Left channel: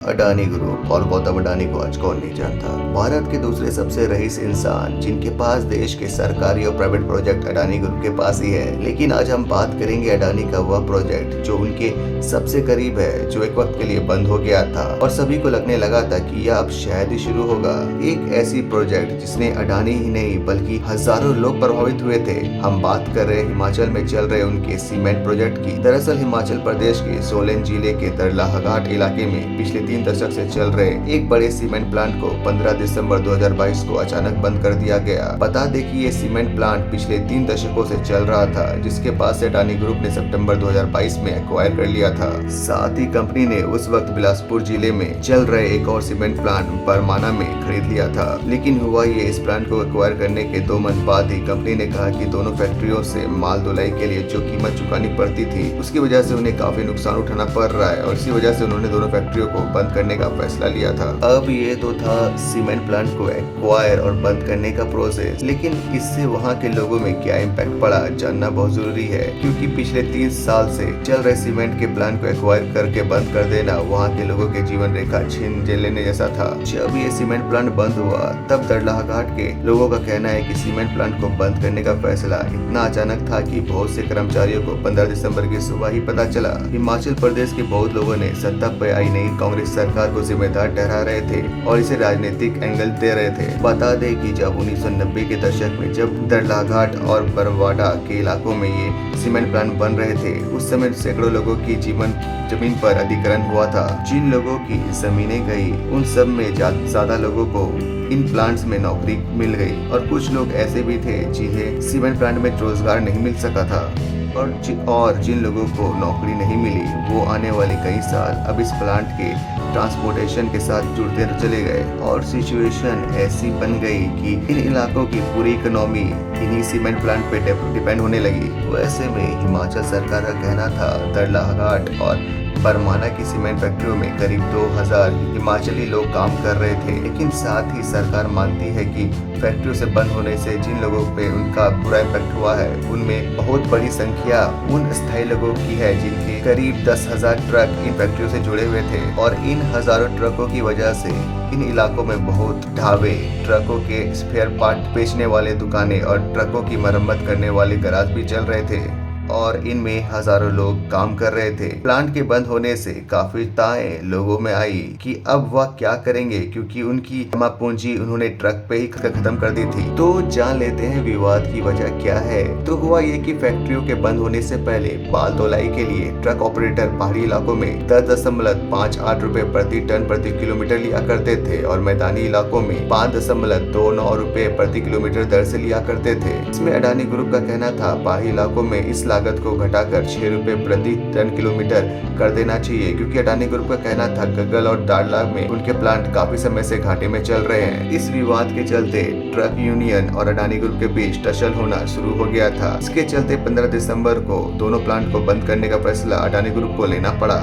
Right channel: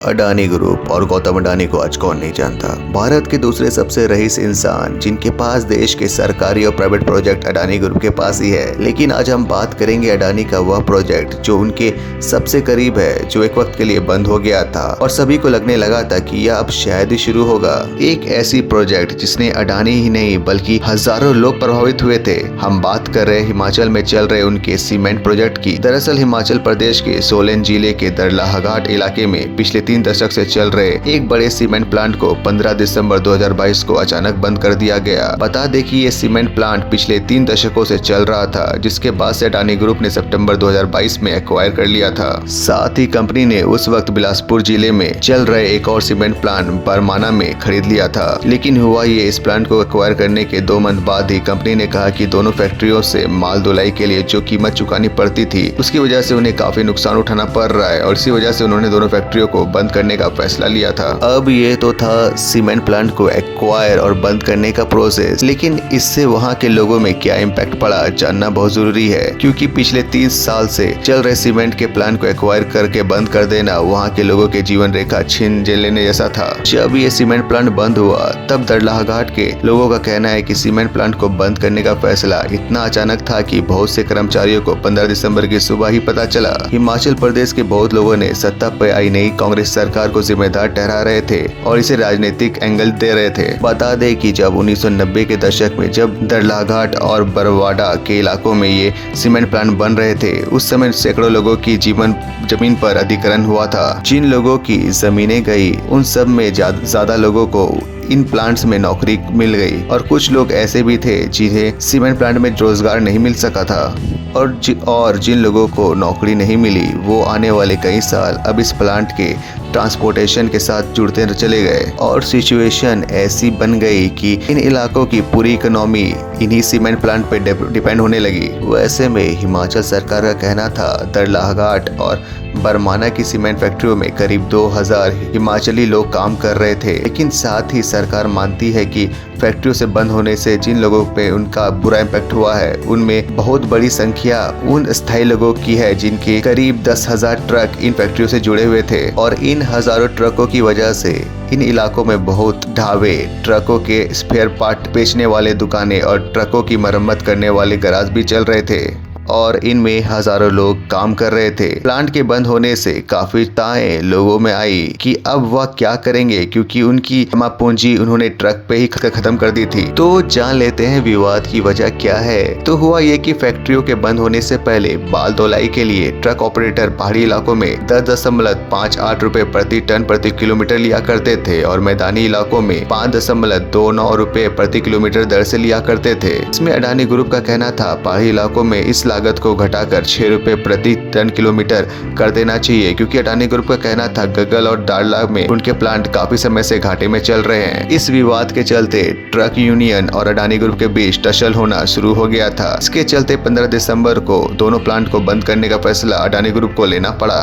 Adani group और गौतम अडानी को आज कौन नहीं जानता। भारत के दूसरे सबसे रईस इंसान जिनके पास देश के सरकारी और प्राइवेट प्रोजेक्ट अडानी ग्रुप के पास ही है। लेकिन आज हम बात करेंगे अडानी का वह प्रोजेक्ट जो उनके सबसे करीब है, जो एक वक्त के लिए बंद हो गया था और सभी को लगने लगा था कि यह अब शायद ही शुरू होगा। एक ऐसी प्रोजेक्ट जिसने अडानी ही नहीं बल्कि हजारों लोग प्रभावित हुए थे। हम बात कर रहे हिमाचल में चल रहे उनके सीमेंट प्रोजेक्ट की। दरअसल हिमाचल प्रदेश के सोलन जिले के दरलाहघाट इलाके में पिछले 3 दशक से चल रहे एक बड़े सीमेंट प्लांट को 15 दिसंबर 2022 को अचानक बंद कर दिया गया। बता दें कि ये सीमेंट प्लांट पिछले 3 दशकों से चल रहा था, जिसके बाद से अडानी ग्रुप ने सितंबर 2022 में एक्वायर कर लिया था। साथ ही कंपनी ने उस वक्त बिलासपुर जिले में चल रहे एक और सीमेंट प्लांट बरमाना में खरीद लिया था। लेकिन हुआ ये, इस प्लांट को एक्वायर करने के 2 मंथ बाद ही कंपनी ने कहा कि दोनों फैक्ट्रियों से माल ढुलाई के लिए जो कीमत चुकानी पड़ती थी, उसकी वजह से उन्हें काफी नुकसान उठाना पड़ रहा है और इसी वजह से उन्होंने दोनों फैक्ट्रियों को बंद करने का फैसला लिया था। अब ये तो था सीमेंट प्लांट को एक्वायर और बंद करने का प्रोसेस, लेकिन इससे वहाँ के लोगों में क्या इम्पैक्ट पड़ा जानना बहुत जरूरी है, क्योंकि पिछले 30 साल से चल रहे सीमेंट के प्लांट को एक्वायर करके बंद कर देना वहाँ के लोगों के जीवन रेखा छीन लेने जैसा था। जब ये सीमेंट प्लांट बंद हुआ तब दरलाहघाट के लोगों का कहना है कि सीमेंट प्लांट को बंद करने का फैसला इतना अचानक था कि बहुत से कर्मचारियों को 15 दिसंबर की सुबह ही पता चला। हिमाचल प्रदेश के बहुत लोगों ने सत्ता पर आई नई कांग्रेस सरकार को जिम्मेदार ठहरा रहे थे और इसे राजनीतिक एंगल दे रहे थे। बता दें कि जब 1990 के दशक में जब दरलाहघाट और बरवाडा के इलाकों में ये सीमेंट प्लांट बन रहे थे, उस समय सैकड़ों लोगों की जमीन पर अधिग्रहण हुआ था। जिन लोगों की जमीनें गई उन सब में ज्यादा लोगों को इन प्लांट्स में नौकरी मिल गई और कुछ लोग ऐसे भी थे जिन्हें सीमेंट प्लांट में रोजगार नहीं मिल सका था और जिन लोगों को नौकरी नहीं मिली वो आने वाले कई साल अब इस प्लांट के ट्रांसपोर्टेशन के साथ जुड़ते चले गए और सिचुएशन ऐसी बन गई कि इन इलाकों की पूरी इकोनॉमी इन्हीं सीमेंट प्लांट पे डिपेंड होने लगी। वैसे में हिमाचल सरकार का कहना था दरलाहघाट और बरमाना की सीमेंट फैक्ट्रियों में करीब 2000 हिमाचली लोग काम कर रहे थे। लेकिन साथ ही सरकार मानती है कि फैक्ट्रियों से बंद होने से जिन लोगों पे उनका बुरा इम्पैक्ट हुआ है, उनमें बहुत बड़ी संख्या उन स्थायी लोगों की है जिनके करीब 10,000 ट्रक इन फैक्ट्रियों से जुड़े हुए थे और इन हजारों ट्रकों की वजह से इन इलाकों में बहुत ढाबे, ट्रकों के स्पेयर पार्ट बेचने वाले दुकानें और ट्रकों की मरम्मत करने वाले गैराज भी चल रहे थे और इनमें हजारों लोग काम कर रहे थे। प्लांट के बंद होने से काफी चिंताएं लोगों में आई कि अब वह क्या करेंगे, क्योंकि उनकी जमा पूंजी उन्होंने ट्रक पे ही खत्म कर दी थी। तो जान लेते हैं विवाद की वजह क्या है। तो हुआ ये कि फैक्ट्रियों के बंद होने से पहले माल ढुलाई के लिए ट्रक ऑपरेटर पहाड़ी इलाकों में 10.58 रुपए प्रति टन प्रति किलोमीटर लिया करते थे और मैदानी इलाकों में 5.29 रुपए प्रति किलोमीटर दर से लिया करते थे। इसमें अडानी ग्रुप का कहना था पहाड़ी इलाकों में इस लागत को घटाकर 6 रुपए प्रति टन किलोमीटर कर देना चाहिए, क्योंकि अडानी ग्रुप का कहना था गगल और दाड़ला में उनके प्लांट काफी समय से घाटे में चल रहे हैं। इस विवाद के चलते ट्रक यूनियन और अडानी ग्रुप के बीच टसल होना शुरू हो गया था। इसके चलते 15 दिसंबर को दोनों प्लांट को बंद करने का फैसला अडानी ग्रुप को लेना पड़ा।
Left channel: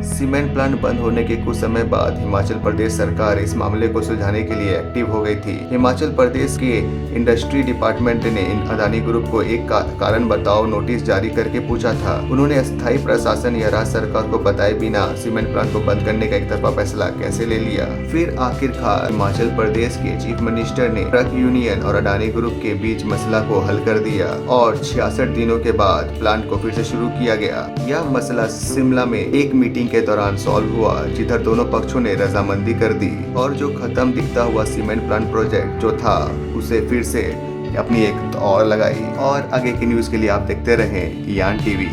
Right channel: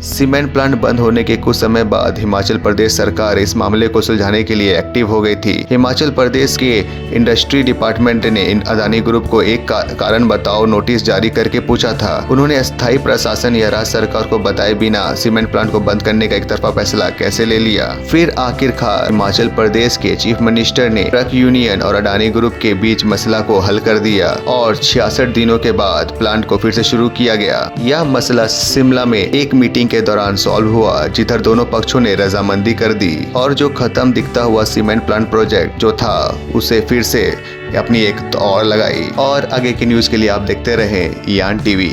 सीमेंट प्लांट बंद होने के कुछ समय बाद हिमाचल प्रदेश सरकार इस मामले को सुलझाने के लिए एक्टिव हो गई थी। हिमाचल प्रदेश के इंडस्ट्री डिपार्टमेंट ने अडानी ग्रुप को एक कारण बताओ नोटिस जारी करके पूछा था। उन्होंने स्थायी प्रशासन या राज्य सरकार को बताए बिना सीमेंट प्लांट को बंद करने का एक तरफा फैसला कैसे ले लिया। फिर आखिरकार हिमाचल प्रदेश के चीफ मिनिस्टर ने ट्रक यूनियन और अडानी ग्रुप के बीच मसला को हल कर दिया और 66 दिनों के बाद प्लांट को फिर से शुरू किया गया। यह मसला शिमला में एक मीटिंग के दौरान सॉल्व हुआ, जिधर दोनों पक्षों ने रजामंदी कर दी और जो खत्म दिखता हुआ सीमेंट प्लांट प्रोजेक्ट जो था उसे फिर से अपनी एक और लगाई। और आगे की न्यूज के लिए आप देखते रहें यान टीवी।